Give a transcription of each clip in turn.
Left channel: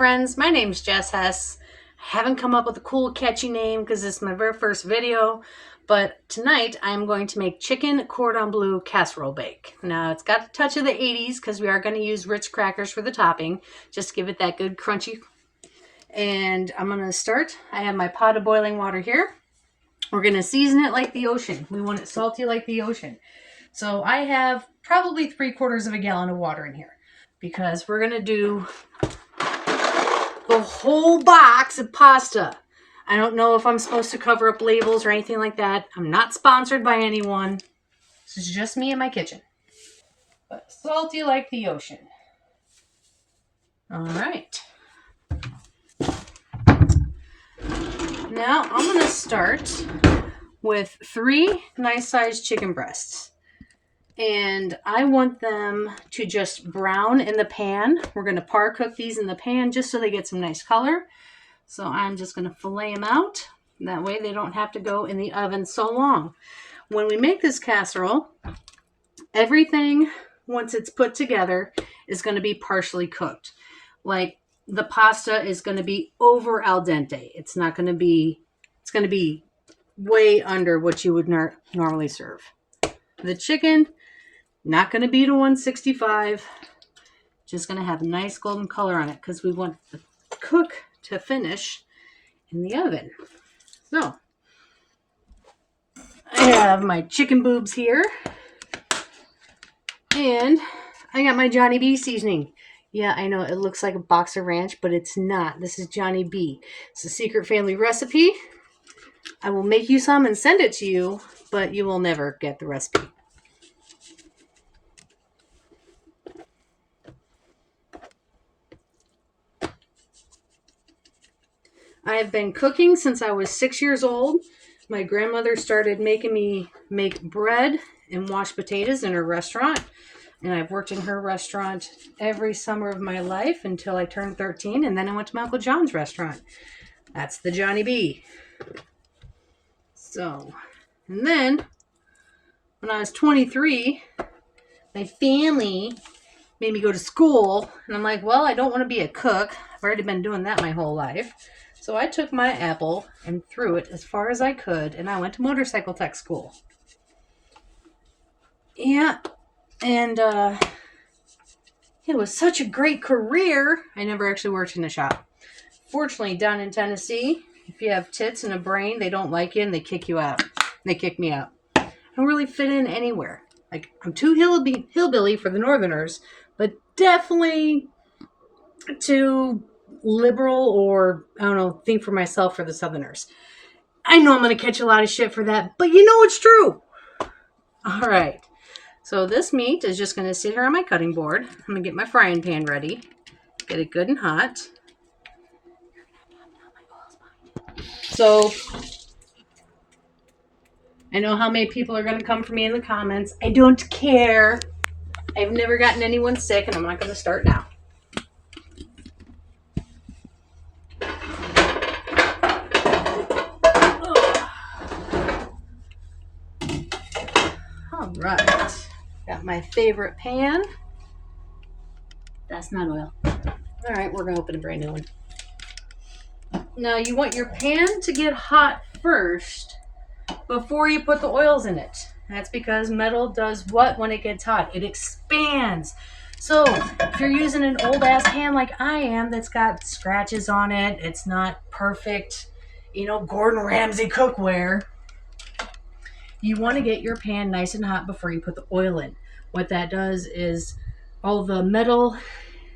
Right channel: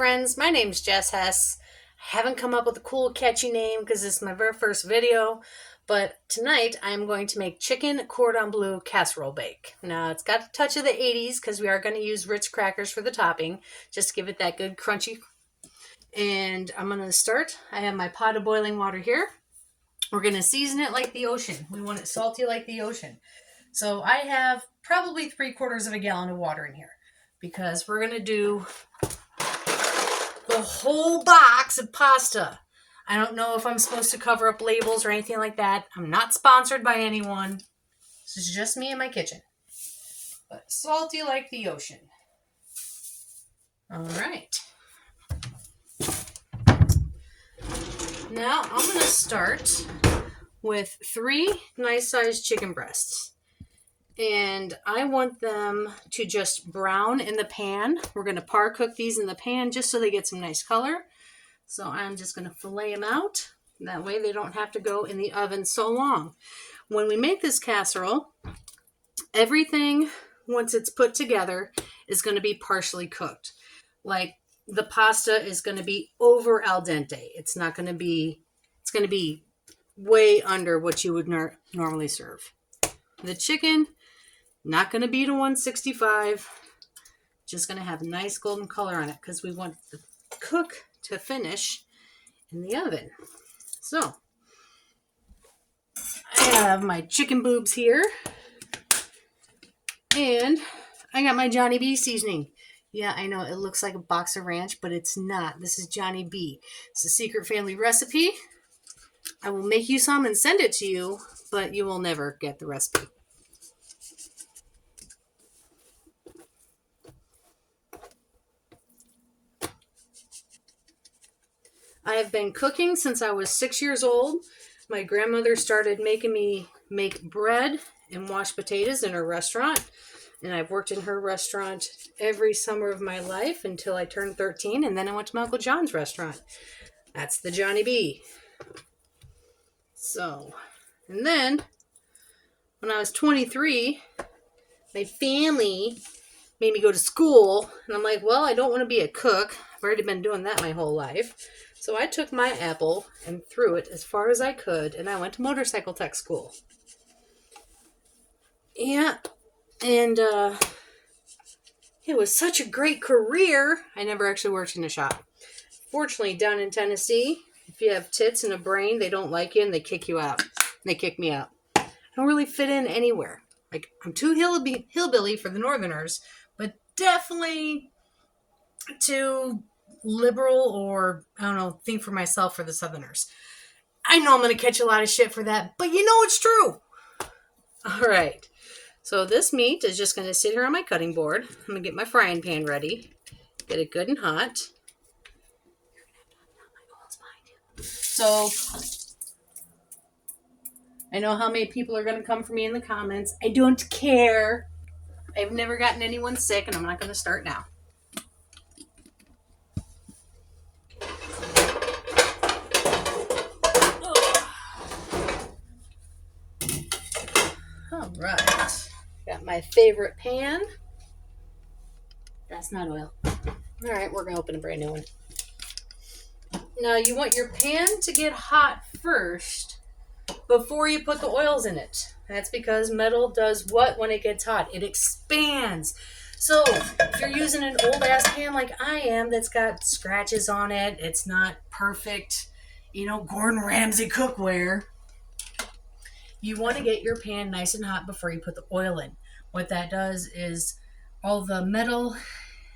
friends, my name's Jess Hess. I haven't come up with a cool catchy name because this is my very first video, but tonight I'm going to make chicken cordon bleu casserole bake. Now it's got a touch of the 80s because we are going to use Ritz crackers for the topping, just to give it that good crunchy. And I'm going to start. I have my pot of boiling water here. We're going to season it like the ocean. We want it salty like the ocean. So I have probably 3/4 of a gallon of water in here because we're going to do the whole box of pasta. I don't know if I'm supposed to cover up labels or anything like that. I'm not sponsored by anyone. This is just me in my kitchen. But salty like the ocean. All right. Now I'm going to start with 3 nice-sized chicken breasts. And I want them to just brown in the pan. We're going to par cook these in the pan just so they get some nice color. So I'm just going to fillet them out. That way they don't have to go in the oven so long. When we make this casserole, everything, once it's put together, is going to be partially cooked. Like the pasta is going to be over al dente. It's not going to be, it's going to be way under what you would normally serve. The chicken, not going to be to 165. Just going to have nice golden color on it because we want the cook to finish in the oven. So, I have my chicken boobs here. And I got my Johnny B seasoning. Yeah, I know it looks like a box of ranch, but it's not. This is Johnny B. It's a secret family recipe. I will make you some and send it to you, but you will never get the recipe. I have been cooking since I was 6 years old. My grandmother started making me make bread and wash potatoes in her restaurant. And I've worked in her restaurant every summer of my life until I turned 13. And then I went to my Uncle John's restaurant. That's the Johnny B. So, and then when I was 23, my family made me go to school. And I'm like, well, I don't want to be a cook. I've already been doing that my whole life. So I took my apple and threw it as far as I could, and I went to motorcycle tech school. Yeah, and it was such a great career. I never actually worked in a shop. Fortunately, down in Tennessee, if you have tits and a brain, they don't like you and they kick you out. They kick me out. I don't really fit in anywhere. Like, I'm too hillbilly for the Northerners, but definitely too liberal or, I don't know, think for myself for the Southerners. I know I'm going to catch a lot of shit for that, but you know it's true. All right. So this meat is just going to sit here on my cutting board. I'm going to get my frying pan ready. Get it good and hot. So I know how many people are going to come for me in the comments. I don't care. I've never gotten anyone sick, and I'm not going to start now. All right. Got my favorite pan. That's not oil. All right, we're going to open a brand new one. Now, you want your pan to get hot first before you put the oils in it. That's because metal does what when it gets hot? It expands. So, if you're using an old-ass pan like I am that's got scratches on it, it's not perfect, Gordon Ramsay cookware, you want to get your pan nice and hot before you put the oil in. What that does is all the metal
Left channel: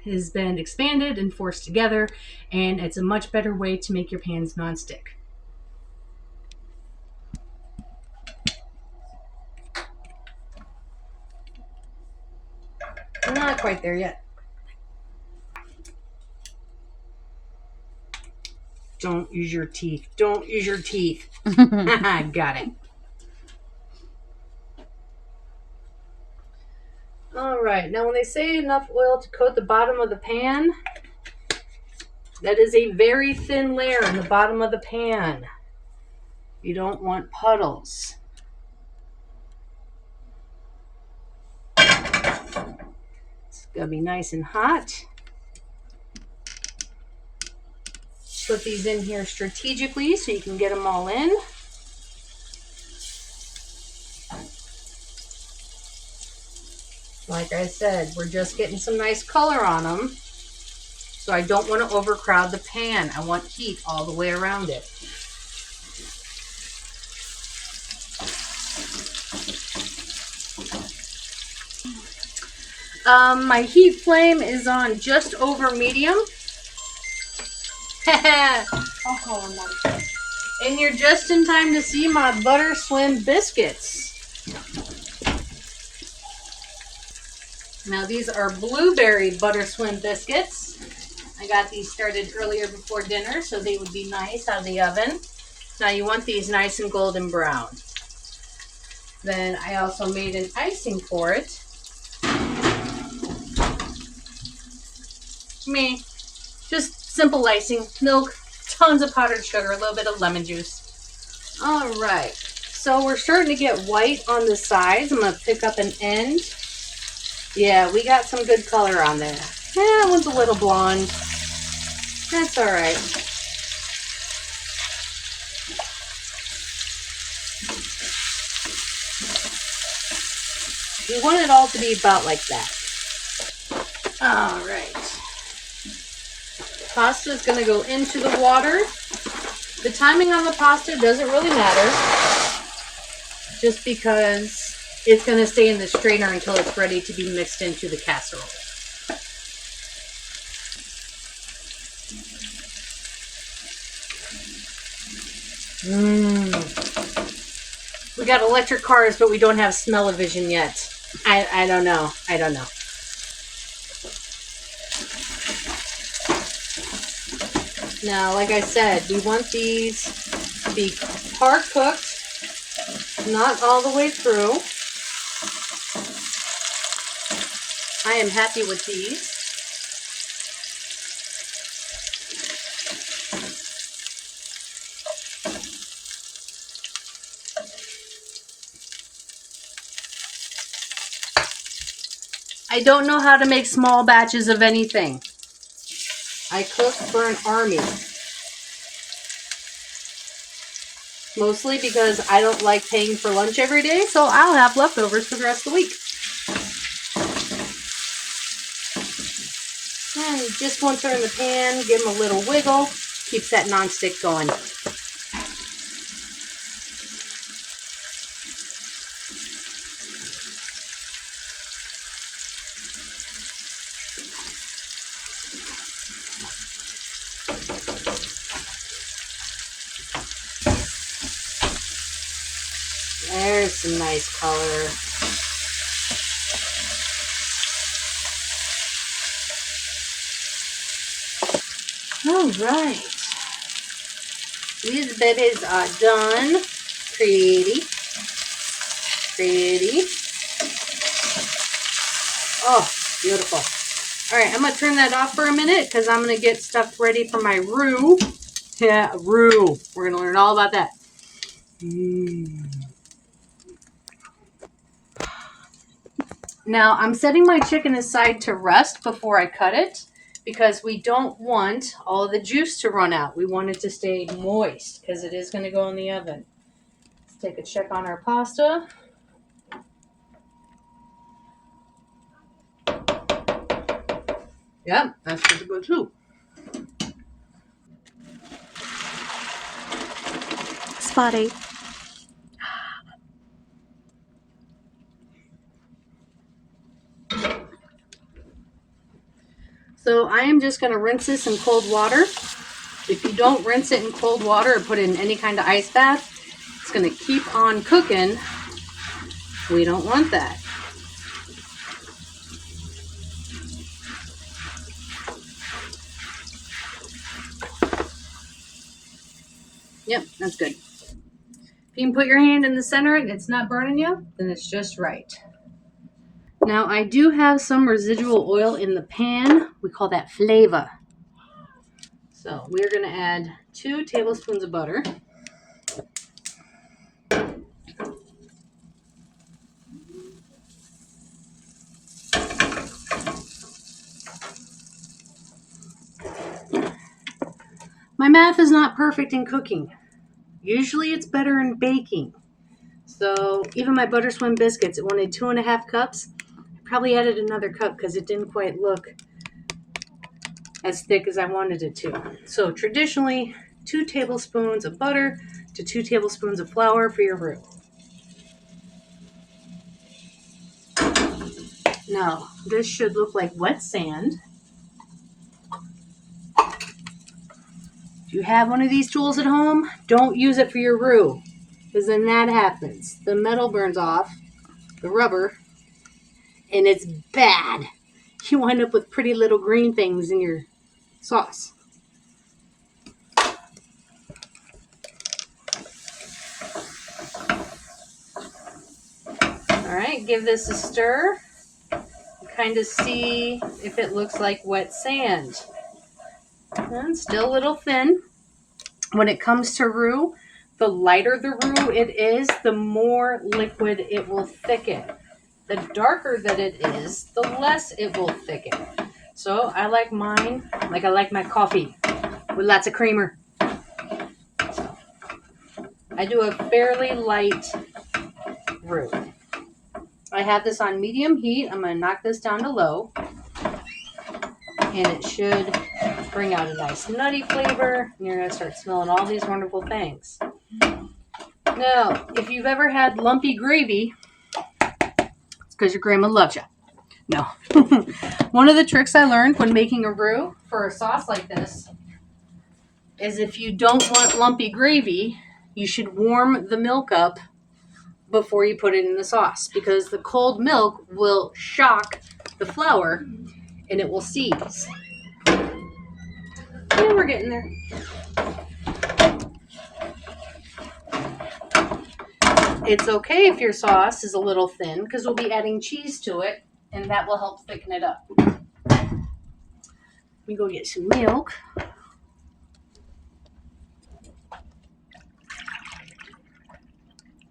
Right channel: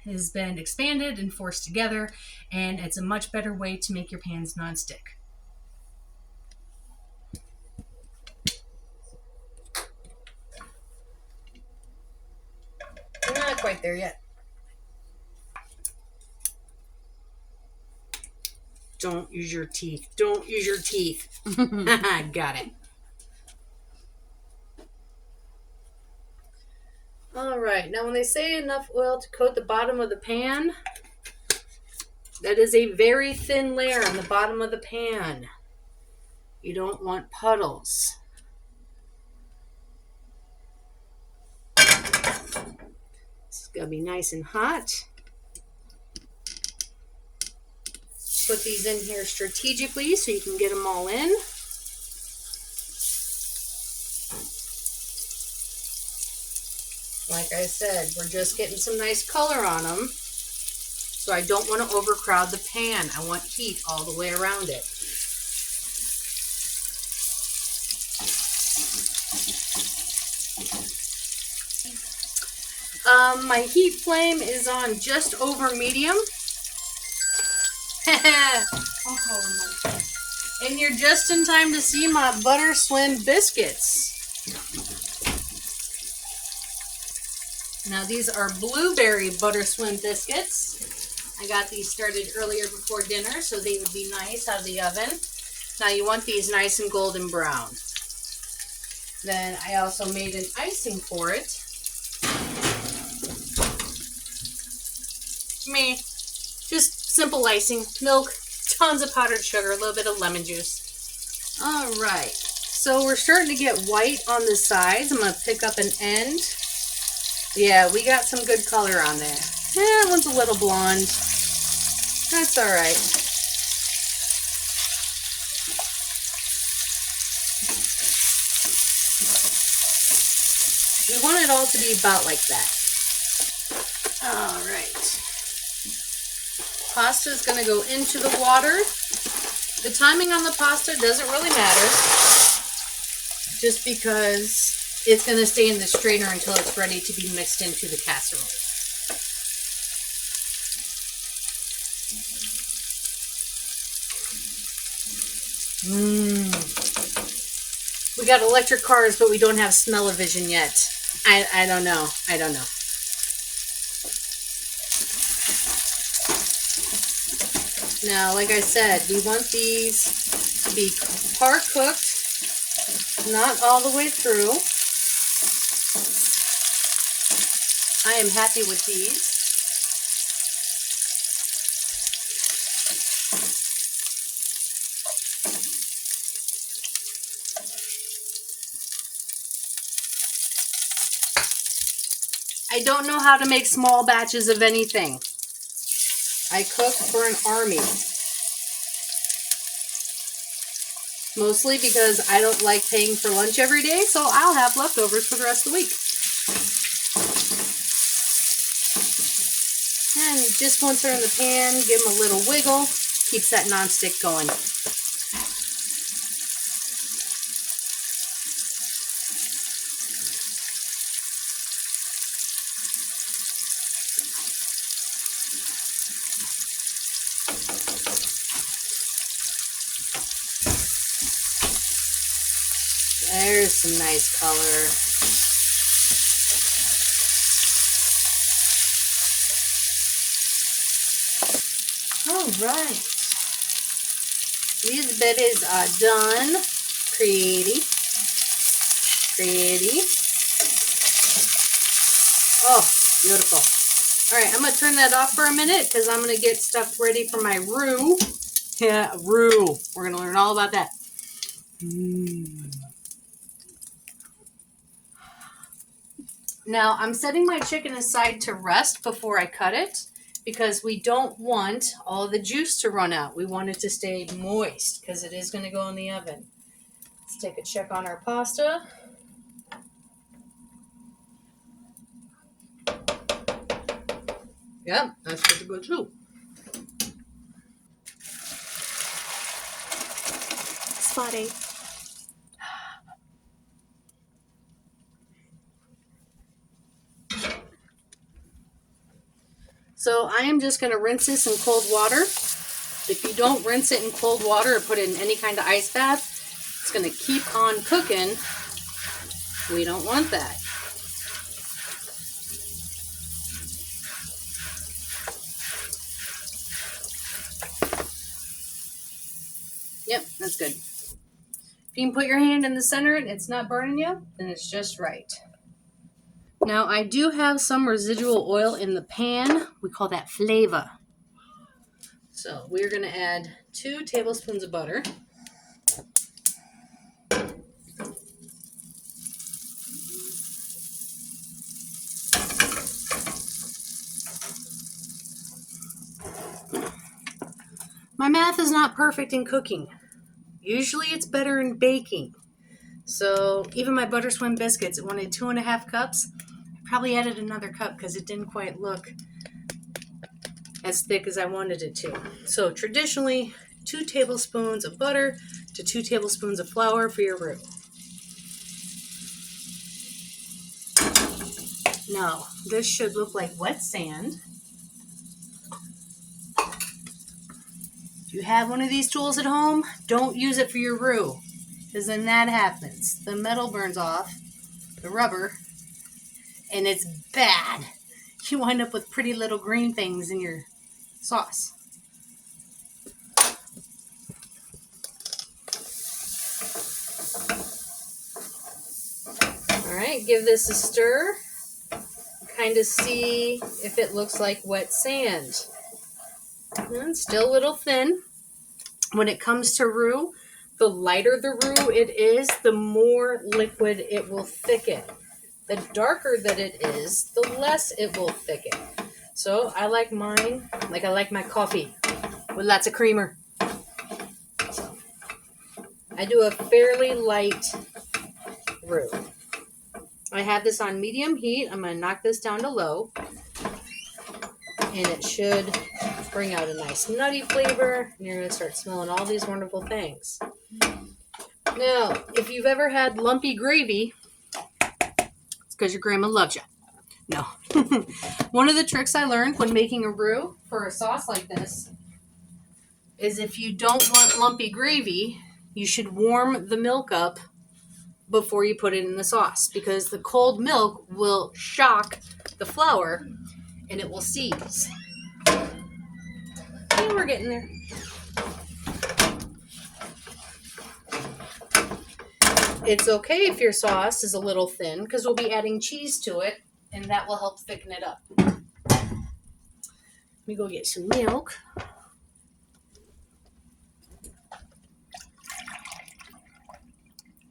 has been expanded and forced together, and it's a much better way to make your pans non-stick. We're not quite there yet. Don't use your teeth. Don't use your teeth. Got it. All right. Now, when they say enough oil to coat the bottom of the pan, that is a very thin layer on the bottom of the pan. You don't want puddles. It's got to be nice and hot. Put these in here strategically so you can get them all in. Like I said, we're just getting some nice color on them. So I don't want to overcrowd the pan. I want heat all the way around it. My heat flame is on just over medium. And you're just in time to see my Butter Swim biscuits. Now these are blueberry Butter Swim biscuits. I got these started earlier before dinner so they would be nice out of the oven. Now you want these nice and golden brown. Then I also made an icing for it. Just simple icing, milk, tons of powdered sugar, a little bit of lemon juice. All right, so we're starting to get white on the sides. I'm gonna pick up an end. Yeah, we got some good color on there. That one's a little blonde. That's all right. We want it all to be about like that. All right. Pasta is going to go into the water. The timing on the pasta doesn't really matter, just because it's going to stay in the strainer until it's ready to be mixed into the casserole. We got electric cars, but we don't have smell-o-vision yet. I don't know. I don't know. Now, like I said, we want these to be par cooked, not all the way through. I am happy with these. I don't know how to make small batches of anything. I cook for an army. Mostly because I don't like paying for lunch every day, so I'll have leftovers for the rest of the week. And just once they're in the pan, give them a little wiggle. Keeps that nonstick going. There's some nice color. All right. These betties are done. Pretty. Pretty. Oh, beautiful. All right, I'm going to turn that off for a minute because I'm going to get stuff ready for my roux. Yeah, roux. We're going to learn all about that. Now, I'm setting my chicken aside to rest before I cut it because we don't want all the juice to run out. We want it to stay moist because it is going to go in the oven. Let's take a check on our pasta. Yeah, that's good to go too. Spotty. So I am just going to rinse this in cold water. If you don't rinse it in cold water or put it in any kind of ice bath, it's going to keep on cooking. We don't want that. Yep, that's good. If you can put your hand in the center and it's not burning you, then it's just right. Now I do have some residual oil in the pan. We call that flavor. So we're going to add 2 tablespoons of butter. My math is not perfect in cooking. Usually it's better in baking. So even my butter swim biscuits, it wanted 2.5 cups. I probably added another cup because it didn't quite look as thick as I wanted it to. So traditionally, 2 tablespoons of butter to 2 tablespoons of flour for your roux. Now, this should look like wet sand. If you have one of these tools at home, don't use it for your roux, because then that happens. The metal burns off, the rubber, and it's bad. You wind up with pretty little green things in your sauce. All right, give this a stir. Kind of see if it looks like wet sand. And still a little thin. When it comes to roux, the lighter the roux it is, the more liquid it will thicken. The darker that it is, the less it will thicken. So I like mine like I like my coffee, with lots of creamer. So I do a fairly light roux. I have this on medium heat. I'm going to knock this down to low. And it should bring out a nice nutty flavor. And you're going to start smelling all these wonderful things. Now, if you've ever had lumpy gravy, it's because your grandma loves you. No. One of the tricks I learned when making a roux for a sauce like this is if you don't want lumpy gravy, you should warm the milk up before you put it in the sauce, because the cold milk will shock the flour and it will seize. And we're getting there. It's okay if your sauce is a little thin because we'll be adding cheese to it and that will help thicken it up. Let me go get some milk.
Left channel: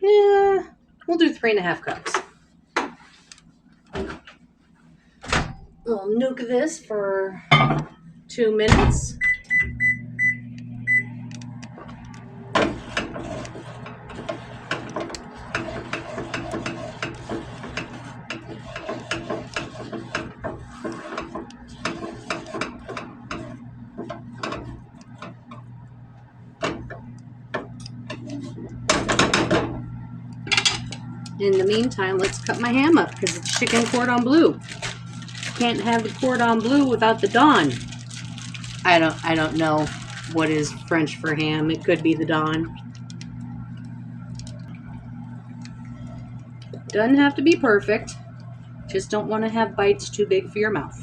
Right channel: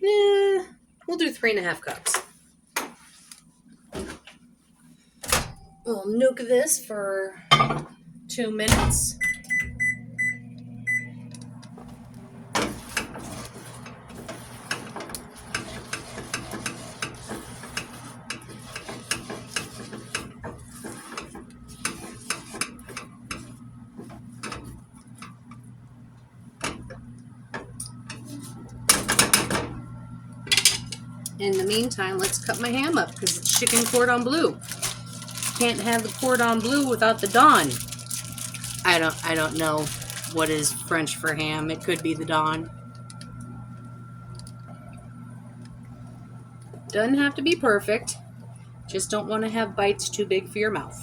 Yeah, we'll do 3.5 cups. We'll nuke this for 2 minutes. In the meantime, let's cut my ham up because it's chicken cordon bleu. Can't have the cordon bleu without the Don. I don't know what is French for ham. It could be the Don. Doesn't have to be perfect. Just don't want to have bites too big for your mouth.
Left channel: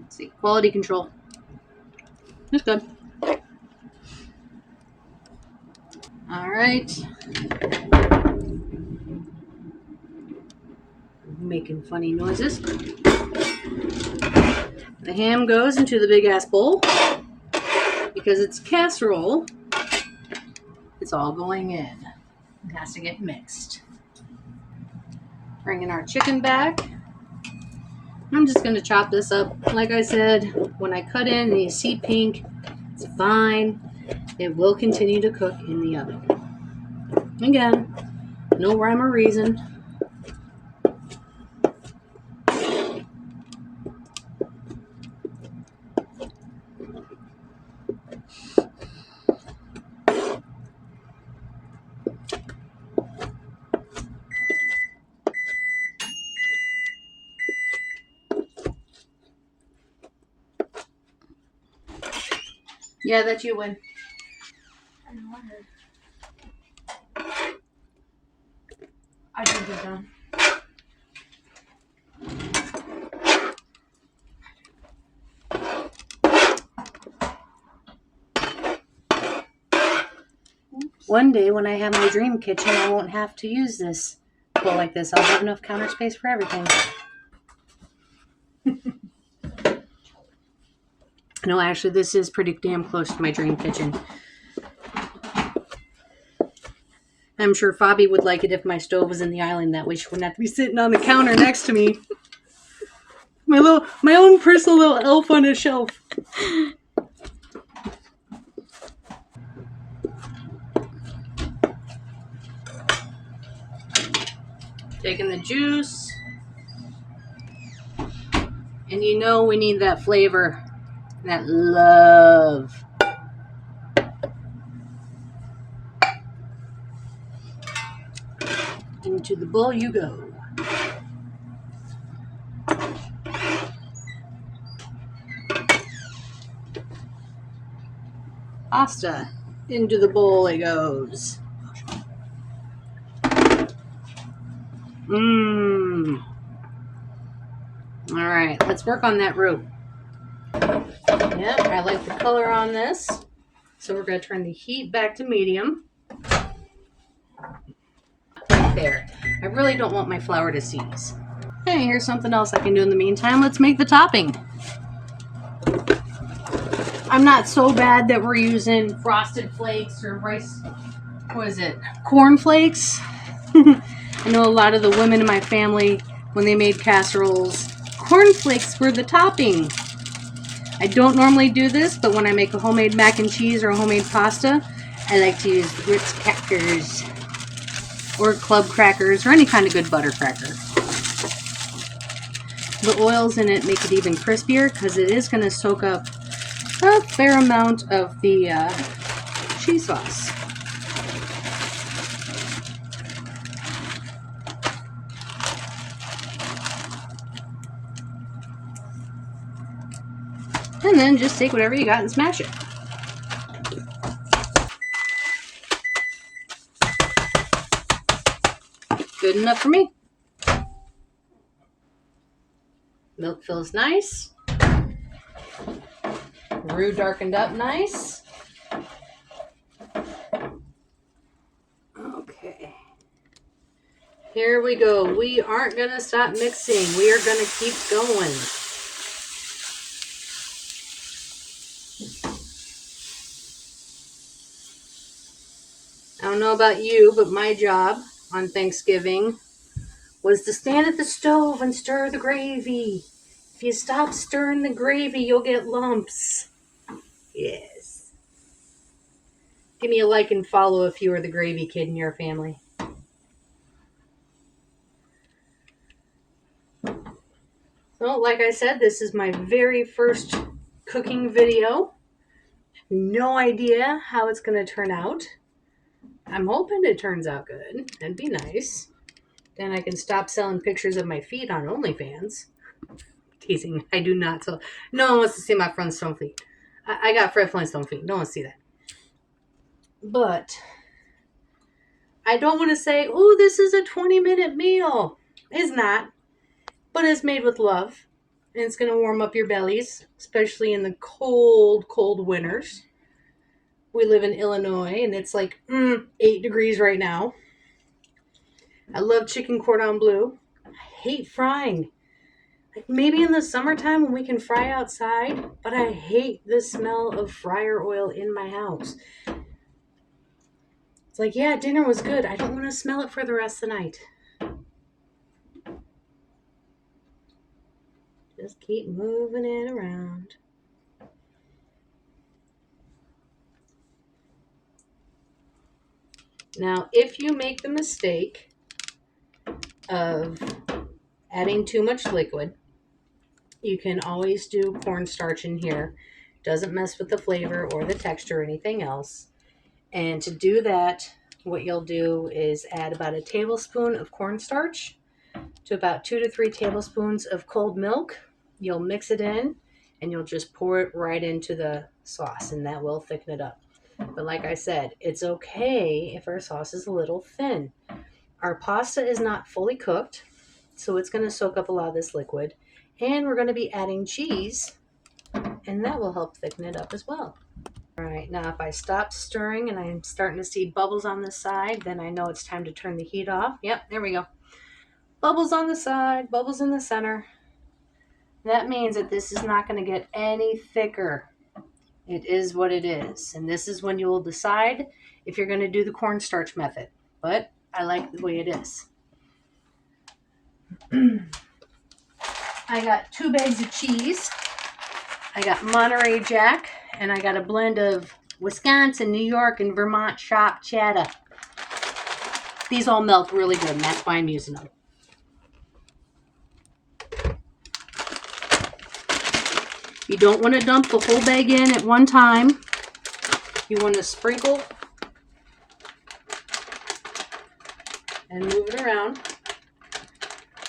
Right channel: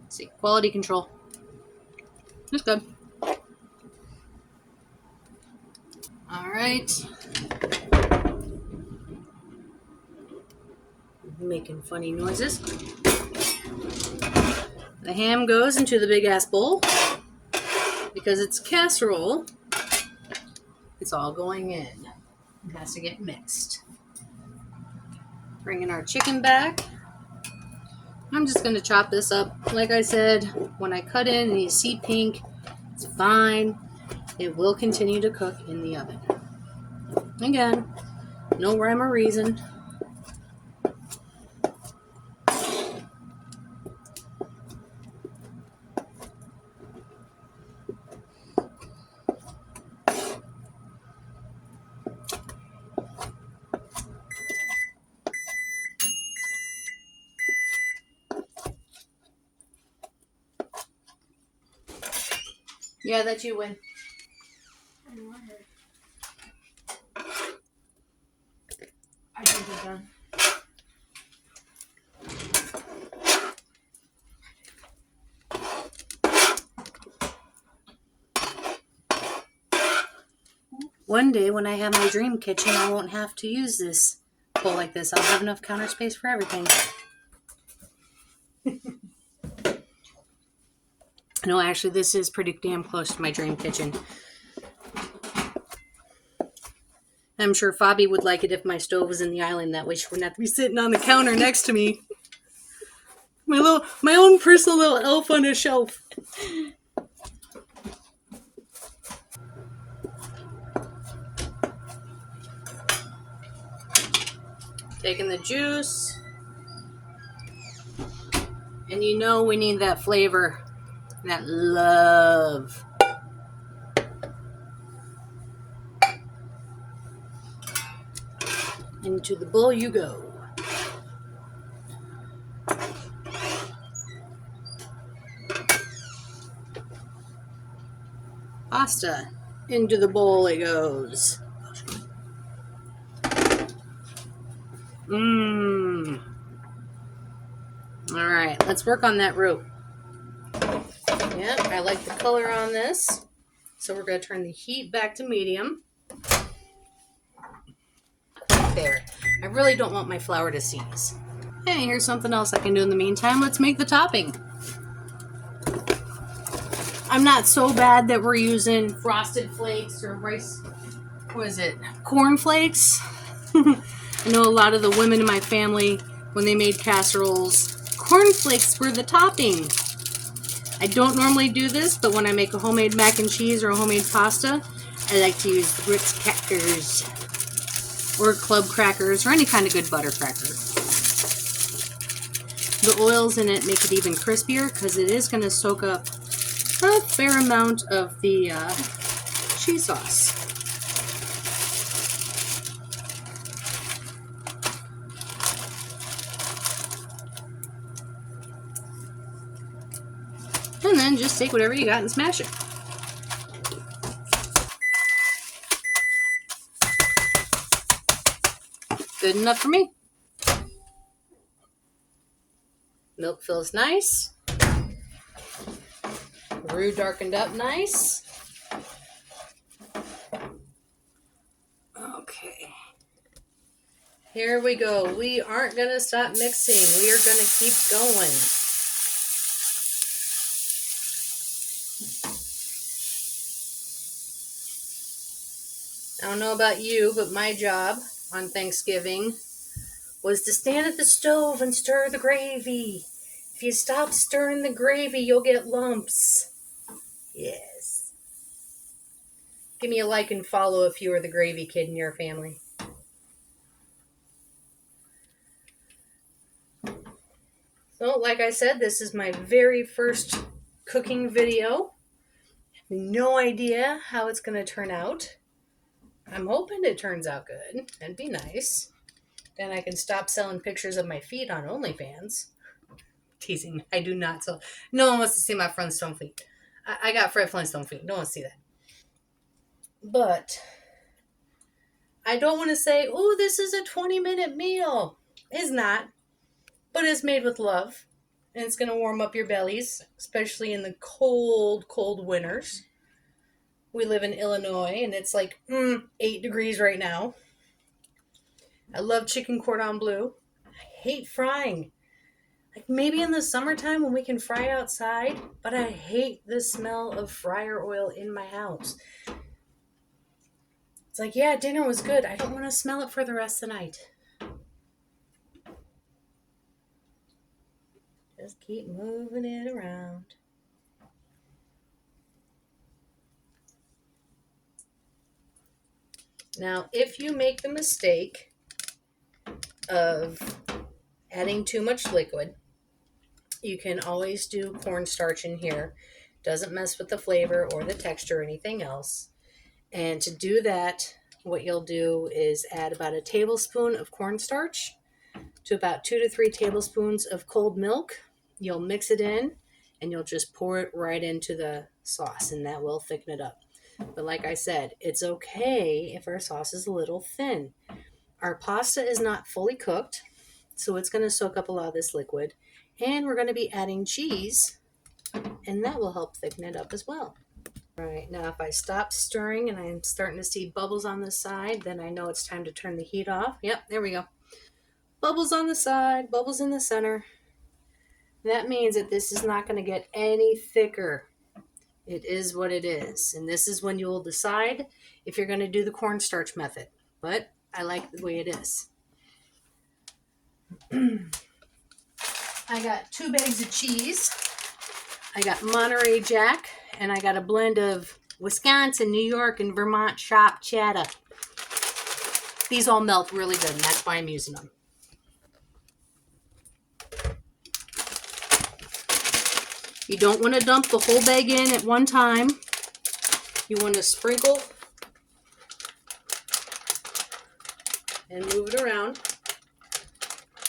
Let's see, quality control. That's good. All right. Making funny noises. The ham goes into the big ass bowl. Because it's casserole, it's all going in. It has to get mixed. Bringing our chicken back. I'm just going to chop this up. Like I said, when I cut in and you see pink, it's fine. It will continue to cook in the oven. Again, no rhyme or reason. Yeah, that's you win. I know, I heard. I think you're done. One day when I have my dream kitchen, I won't have to use this bowl like this. I'll have enough counter space for everything. No, actually, this is pretty damn close to my dream kitchen. I'm sure Fabi would like it if my stove was in the island. That way she wouldn't have to be sitting on the counter next to me. My own personal little elf on a shelf. Taking the juice. And you know we need that flavor, that love. Into the bowl you go. Pasta. Into the bowl it goes. Mmm. All right, let's work on that roux. Yep, I like the color on this. So we're going to turn the heat back to medium. Right there. I really don't want my flour to seize. Hey, here's something else I can do in the meantime. Let's make the topping. I'm not so bad that we're using frosted flakes or rice, corn flakes. I know a lot of the women in my family, when they made casseroles, corn flakes were the topping. I don't normally do this, but when I make a homemade mac and cheese or a homemade pasta, I like to use Ritz crackers or club crackers or any kind of good butter cracker. The oils in it make it even crispier because it is going to soak up a fair amount of the cheese sauce. And then just take whatever you got and smash it. Good enough for me. Milk feels nice. Roux darkened up nice. Okay. Here we go. We aren't going to stop mixing. We are going to keep going. I don't know about you, but my job on Thanksgiving was to stand at the stove and stir the gravy. If you stop stirring the gravy, you'll get lumps. Yes. Give me a like and follow if you are the gravy kid in your family. So, like I said, this is my very first cooking video. No idea how it's going to turn out. I'm hoping it turns out good. That'd be nice. Then I can stop selling pictures of my feet on OnlyFans. Teasing. I do not. So no one wants to see my Flintstone feet. I got Fred Flintstone feet. No one wants to see that. But I don't want to say, "Ooh, this is a 20-minute meal." It's not. But it's made with love. And it's going to warm up your bellies, especially in the cold, cold winters. We live in Illinois, and it's like 8 degrees right now. I love chicken cordon bleu. I hate frying. Like maybe in the summertime when we can fry outside, but I hate the smell of fryer oil in my house. It's like, yeah, dinner was good. I don't want to smell it for the rest of the night. Just keep moving it around. Now, if you make the mistake of adding too much liquid, you can always do cornstarch in here. Doesn't mess with the flavor or the texture or anything else. And to do that, what you'll do is add about a tablespoon of cornstarch to about 2 to 3 tablespoons of cold milk. You'll mix it in and you'll just pour it right into the sauce, and that will thicken it up. But like I said, it's okay if our sauce is a little thin. Our pasta is not fully cooked, so it's going to soak up a lot of this liquid. And we're going to be adding cheese, and that will help thicken it up as well. All right, now if I stop stirring and I'm starting to see bubbles on the side, then I know it's time to turn the heat off. Yep, there we go. Bubbles on the side, bubbles in the center. That means that this is not going to get any thicker. It is what it is. And this is when you will decide if you're going to do the cornstarch method. but I like the way it is. I got 2 bags of cheese. I got Monterey Jack, and I got a blend of Wisconsin, New York, and Vermont Shop Cheddar. These all melt really good, and that's why I'm using them. You don't want to dump the whole bag in at one time. You want to sprinkle and move it around.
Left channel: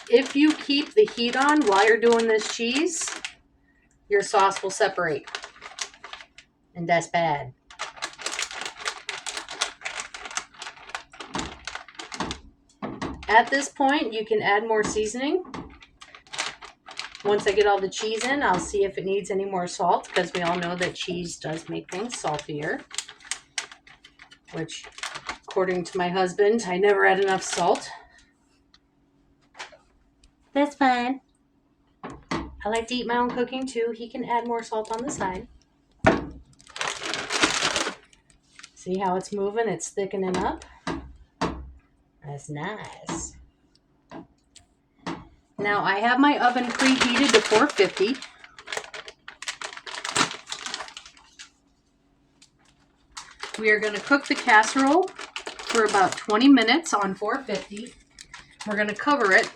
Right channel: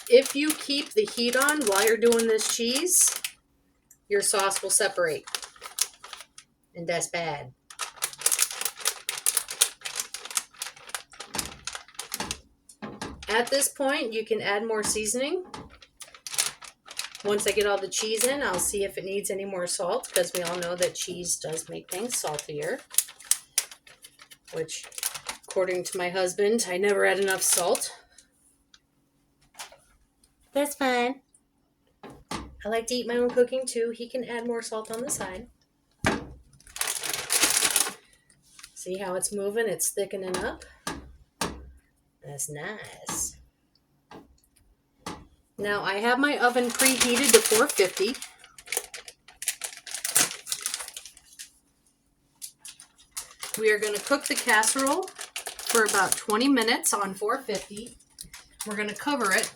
If you keep the heat on while you're doing this cheese, your sauce will separate. And that's bad. At this point, you can add more seasoning. Once I get all the cheese in, I'll see if it needs any more salt, because we all know that cheese does make things saltier. Which, according to my husband, I never add enough salt. That's fine. I like to eat my own cooking too. He can add more salt on the side. See how it's moving? It's thickening up. That's nice. Now I have my oven preheated to 450. We are going to cook the casserole for about 20 minutes on 450. We're going to cover it.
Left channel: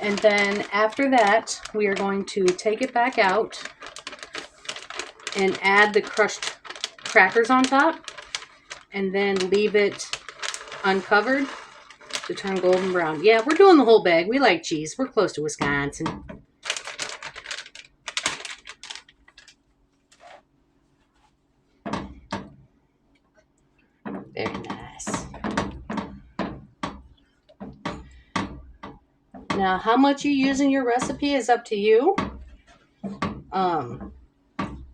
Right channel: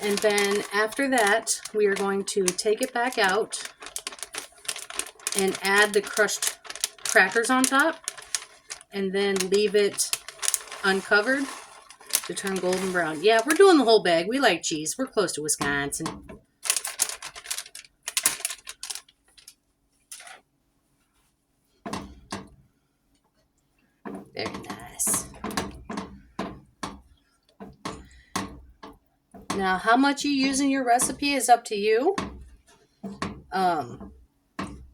And then after that, we are going to take it back out and add the crushed crackers on top, and then leave it uncovered to turn golden brown. Yeah, we're doing the whole bag. We like cheese. We're close to Wisconsin. Very nice. Now, how much you use in your recipe is up to you.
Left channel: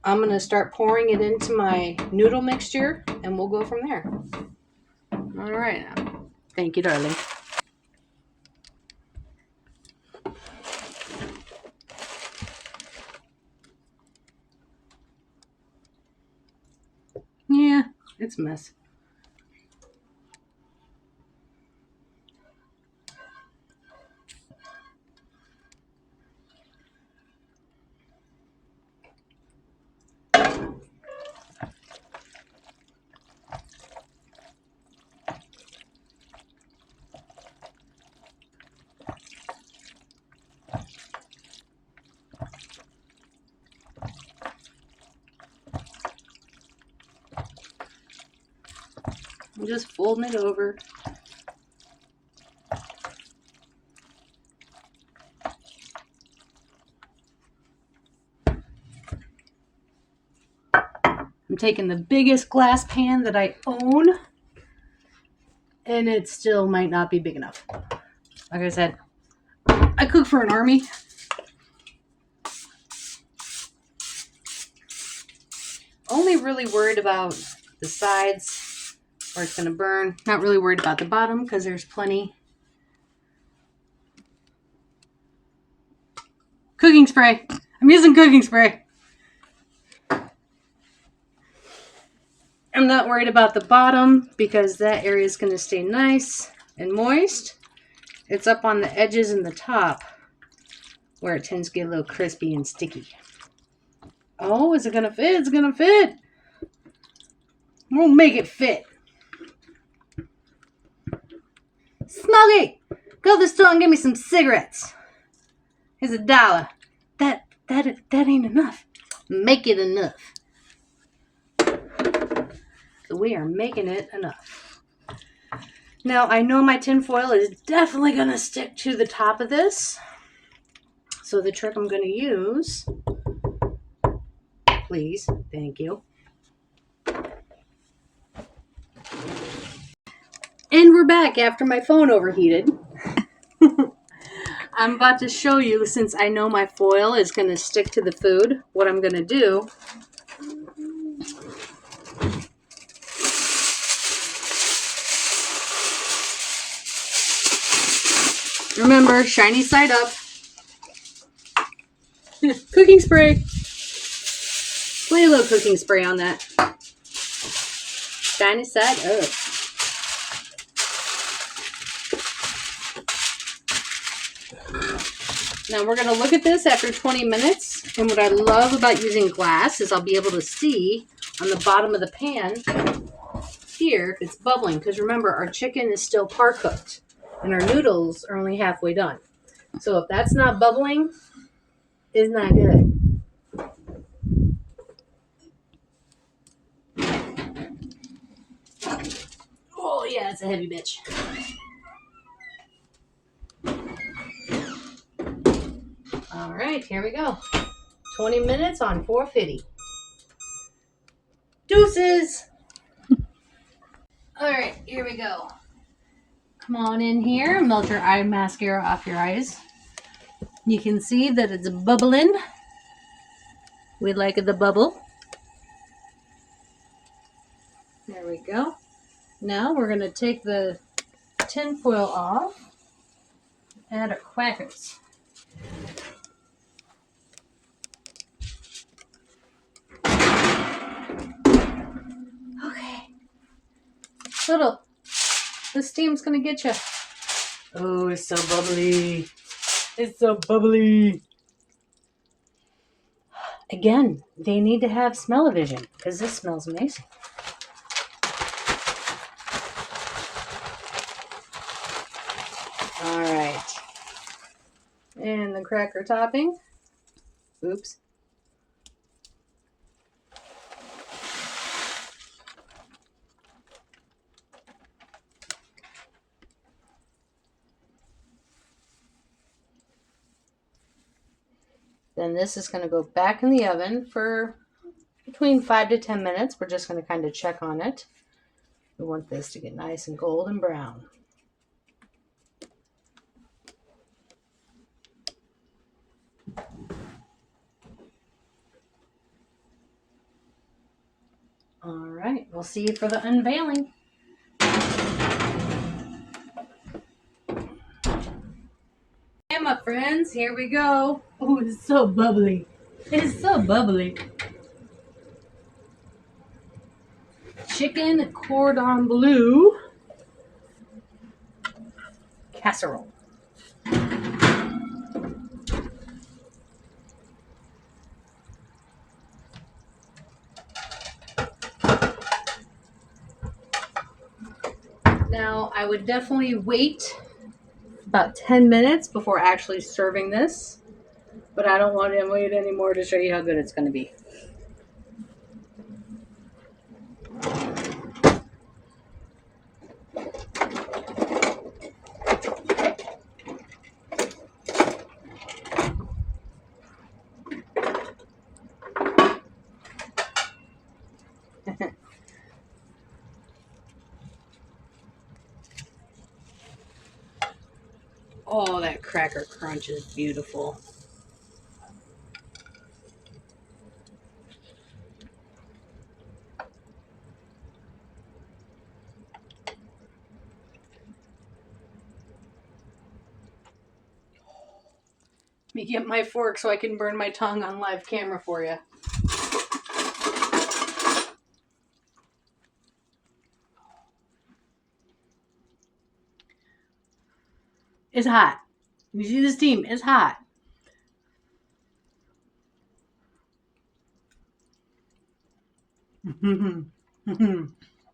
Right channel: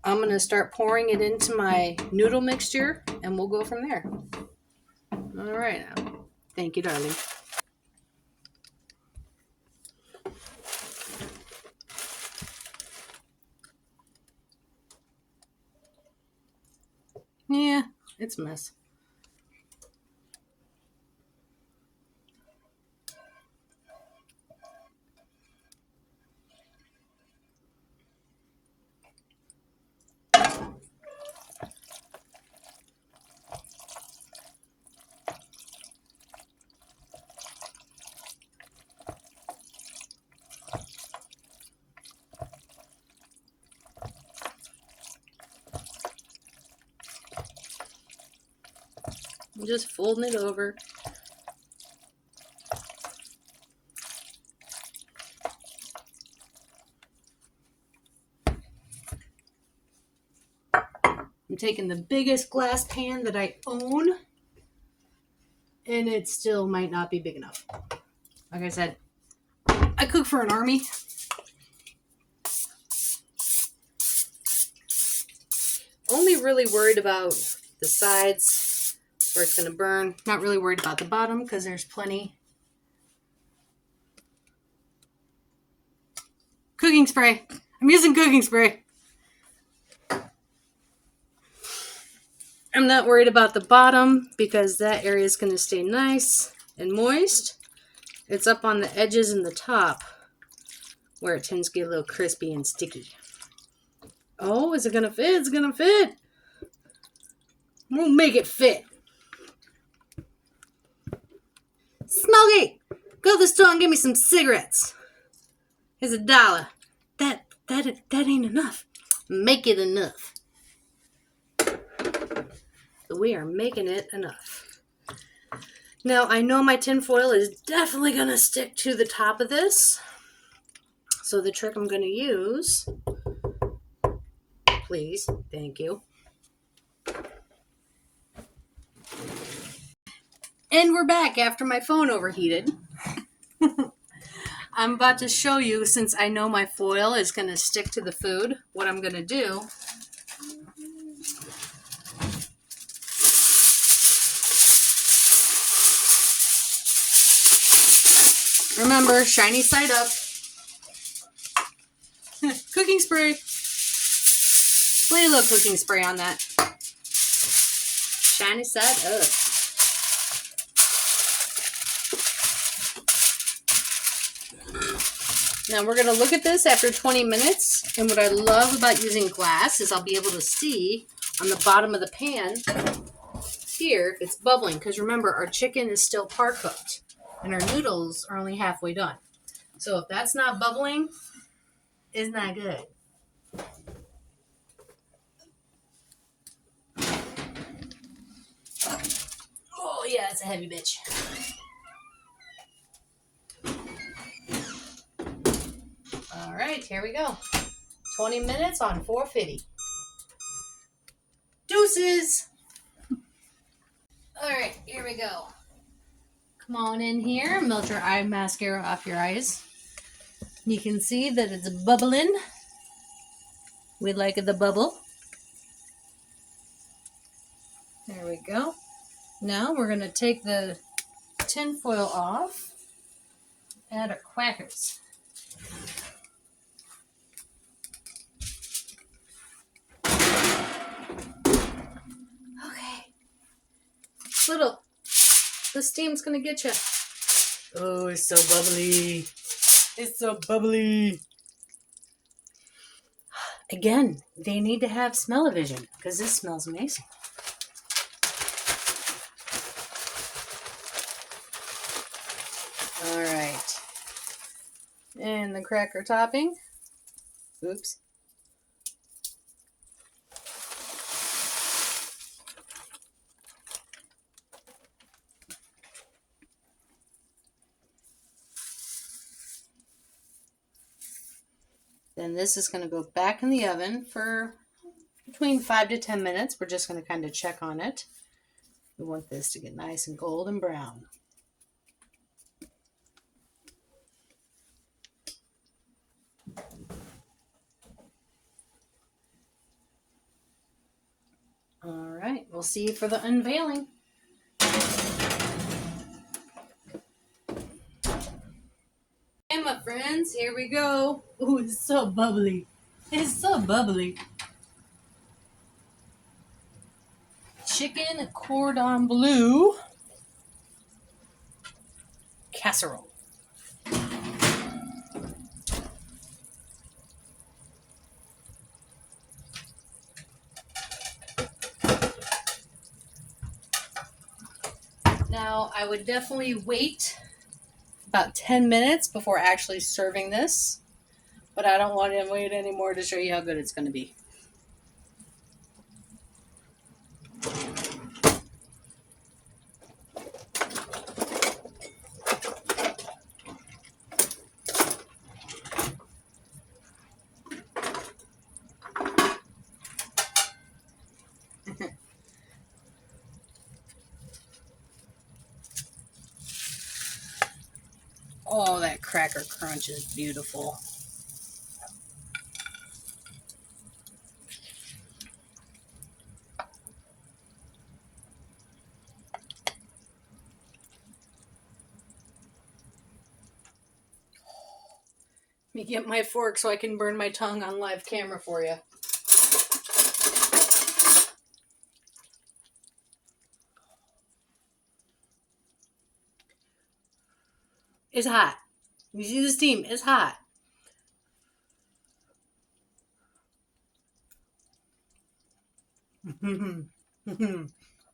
I'm going to start pouring it into my noodle mixture, and we'll go from there. All right. Thank you, darling. Yeah, it's a mess. I'm just folding it over. I'm taking the biggest glass pan that I own, and it still might not be big enough. Like I said, I cook for an army. Only really worried about the sides where it's going to burn. Not really worried about the bottom because there's plenty. Cooking spray. I'm using cooking spray. I'm not worried about the bottom because that area is going to stay nice and moist. It's up on the edges and the top where it tends to get a little crispy and sticky. Oh, is it going to fit? It's going to fit. We'll make it fit. Smokey, go to the store and get me some cigarettes. Here's $1. That ain't enough. Make it enough. We are making it enough. Now, I know my tin foil is definitely going to stick to the top of this. So the trick I'm going to use, please, thank you. And we're back after my phone overheated. I'm about to show you, since I know my foil is going to stick to the food, what I'm going to do. Remember, shiny side up. Cooking spray. Play a little cooking spray on that. Shiny side up. Now we're going to look at this after 20 minutes. And what I love about using glass is I'll be able to see on the bottom of the pan here if it's bubbling. Because remember, our chicken is still par cooked and our noodles are only halfway done. So if that's not bubbling, it's not good. Oh yeah, it's a heavy bitch. All right, here we go. 20 minutes on 450. Deuces. All right, here we go. Come on in here, melt your eye mascara off your eyes. You can see that it's bubbling. We like the bubble. There we go. Now we're going to take the tin foil off. Add our crackers. Okay. Little. The steam's going to get you. Oh, it's so bubbly. It's so bubbly. Again, they need to have smell-o-vision because this smells amazing. All right. And the cracker topping. Oops. Then this is going to go back in the oven for between 5 to 10 minutes. We're just going to kind of check on it. We want this to get nice and golden brown. All right, we'll see you for the unveiling. And my friends, here we go. Oh, it's so bubbly. It's so bubbly. Chicken cordon bleu casserole. Now, I would definitely wait about 10 minutes before actually serving this, but I don't want to wait anymore to show you how good it's going to be. Oh, that cracker crunch is beautiful. Let me get my fork so I can burn my tongue on live camera for you. It's hot. You see the steam? It's hot.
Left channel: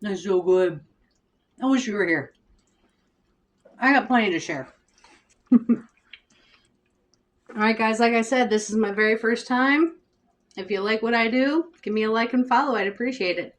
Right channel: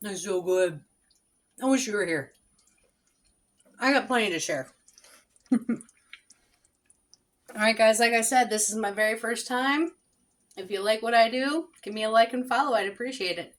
That's so good. I wish you were here. I got plenty to share. All right, guys, like I said, this is my very first time. If you like what I do, give me a like and follow. I'd appreciate it.